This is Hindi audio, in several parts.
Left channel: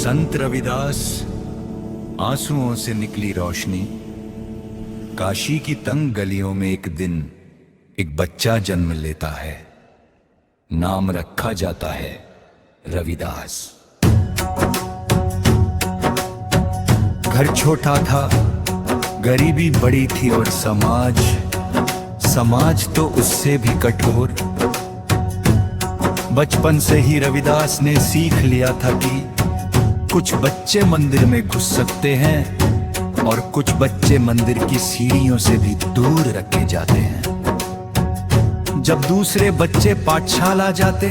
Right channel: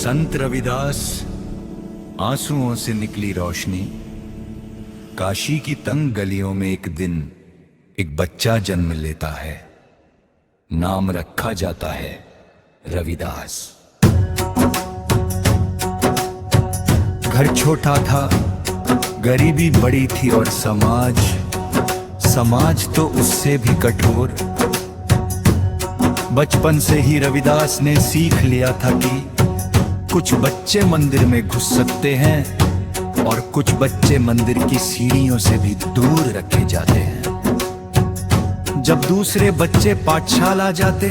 संत रविदास आंसुओं से निकली रोशनी। काशी की तंग गलियों में एक दिन एक बच्चा जन्म लेता है। नाम रखा जाता है रविदास। घर छोटा था, गरीबी बड़ी थी और समाज तो उससे भी कठोर। बचपन से ही रविदास ने सीख लिया था कि कुछ बच्चे मंदिर में घुस सकते हैं और कुछ बच्चे मंदिर की सीढ़ियों से भी दूर रखे जाते हैं। जब दूसरे बच्चे पाठशाला जाते,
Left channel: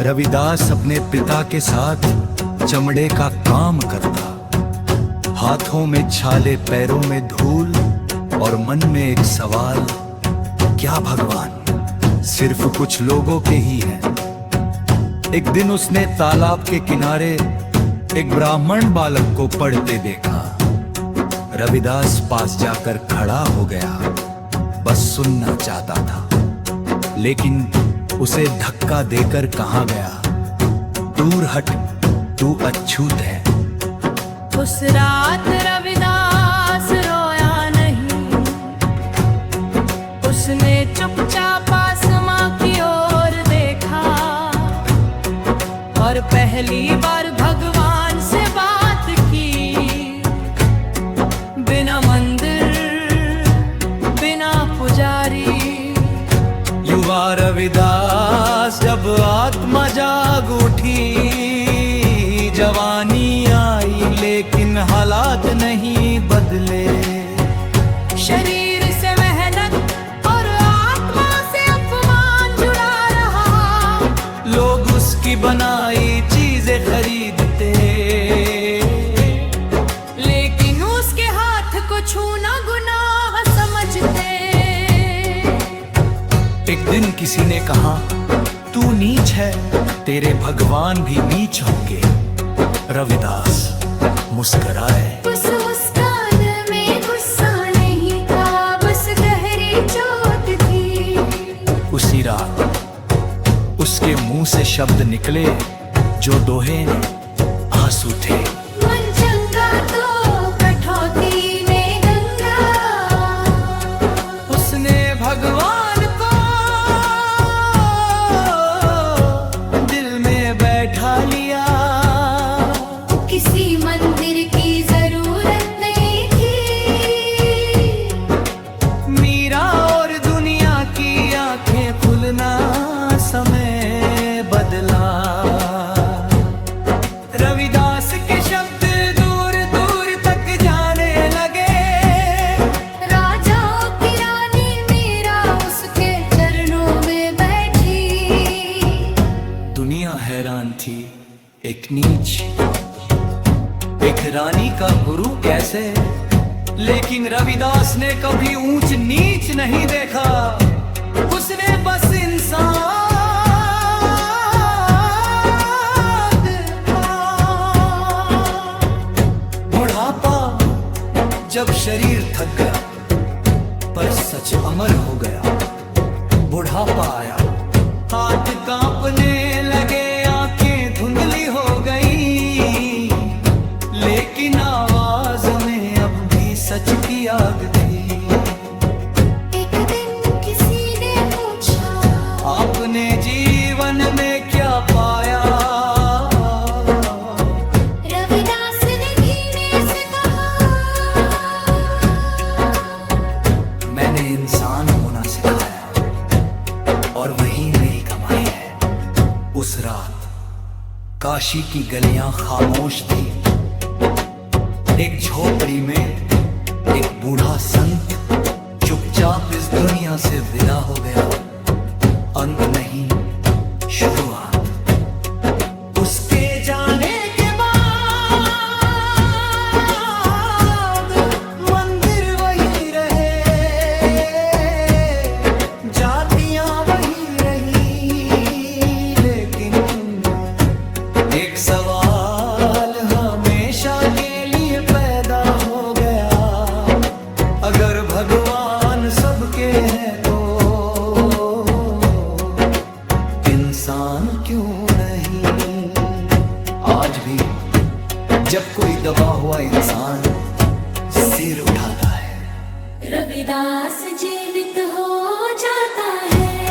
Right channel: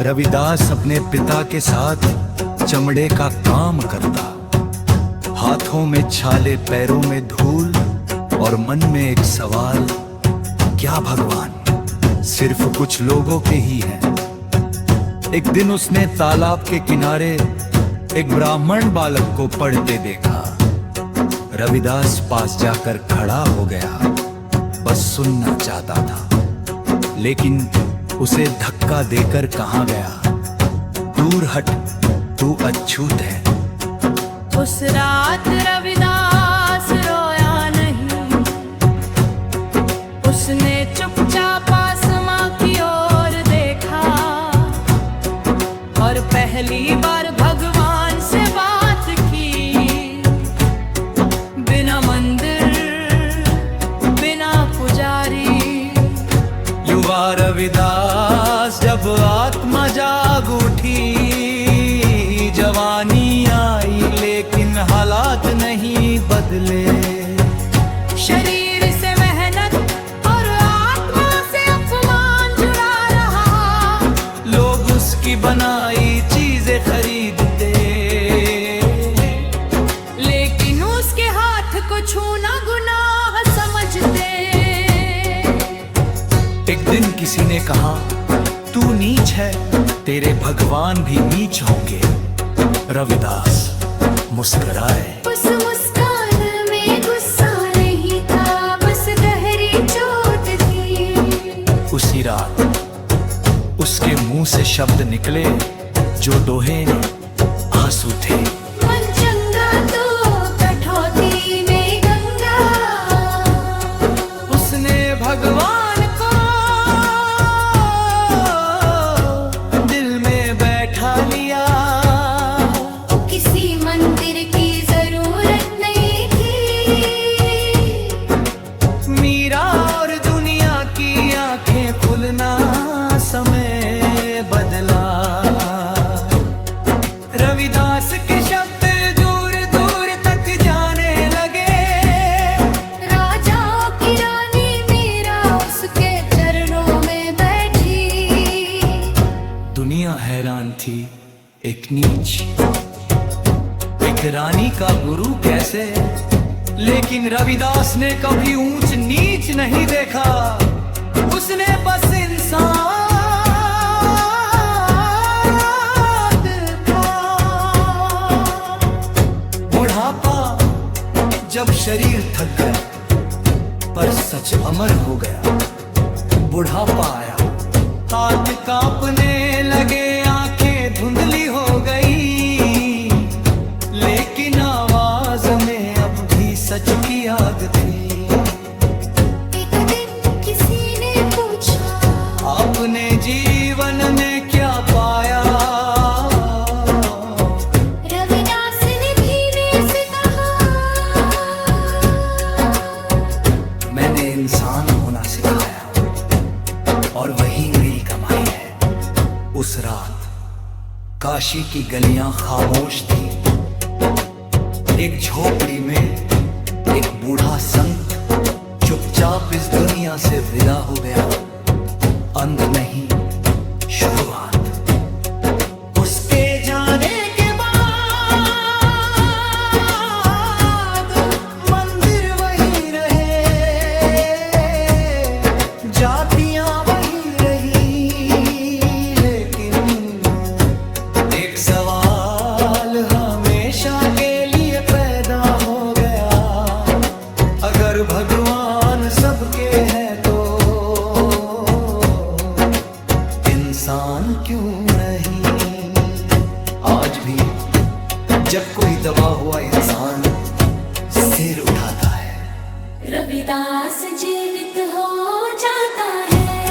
रविदास अपने पिता के साथ चमड़े का काम करता। हाथों में छाले, पैरों में धूल और मन में एक सवाल, क्या भगवान सिर्फ कुछ लोगों के ही हैं? एक दिन उसने तालाब के किनारे एक ब्राह्मण बालक को पढ़ते देखा। रविदास पास जाकर खड़ा हो गया, बस सुनना चाहता था, लेकिन उसे धक्का देकर कहा गया, दूर हट, तू अछूत है। उस रात रविदास रोया नहीं, उसने चुपचाप आसमां की ओर देखा और पहली बार भगवान से बात की। बिना मंदिर, बिना पुजारी। युवा रविदास जब आत्मा जाग उठी, जवानी आई लेकिन हालात नहीं बदले। शरीर से मेहनत और आत्मा से अपमान जुड़ा रहा। लोग उसकी बनाई चीजें खरीदते, लेकिन उसके हाथ को छूना गुनाह समझते। एक दिन किसी ने कहा, तू नीच है, तेरे भगवान भी नीच होंगे। रविदास मुस्कुराए। उस मुस्कान में गुस्सा नहीं था, बस गहरी चोट थी। उसी रात उसके मुंह से शब्द निकले जो दोहे ने आंसू थे। मन चंगा तो कठौती में गंगा। उसने भगवान को दिल में बैठा लिया। किसी मंदिर की जरूरत नहीं थी। मीरा और दुनिया की आंखें खुलना समय बदला। रविदास के शब्द दूर दूर तक जाने लगे। राजाओं की रानी मीरा उसके चरणों में बैठी। दुनिया हैरान थी, एक नीच, एक रानी का गुरु कैसे? लेकिन रविदास ने कभी ऊंच नीच नहीं देखा। उसने बस इंसान देखा। बुढ़ापा जब शरीर थक गया, पर सच अमर हो गया। बुढ़ापा आया, हाथ कांपने लगे, आंखें धुंधली हो गई, लेकिन आवाज में अब भी सच की आग थी। एक दिन किसी ने पूछा, आपने जीवन में क्या पाया? रविदास ने धीमे से कहा, मैंने इंसान होना सिखाया और वही मेरी कमाई है। उस रात काशी की गलियां खामोश थी। एक झोपड़ी में एक बूढ़ा संत चुपचाप इस दुनिया से विदा हो गया। अंत नहीं, शुरुआत। उसके जाने के बाद मंदिर वही रहे, जातियां वही रही, लेकिन एक सवाल हमेशा के लिए पैदा हो गया, अगर भगवान सबके हैं तो इंसान क्यों नहीं? आज भी जब कोई दबा हुआ इंसान सिर उठाता है, रविदास जीवित हो जाता है।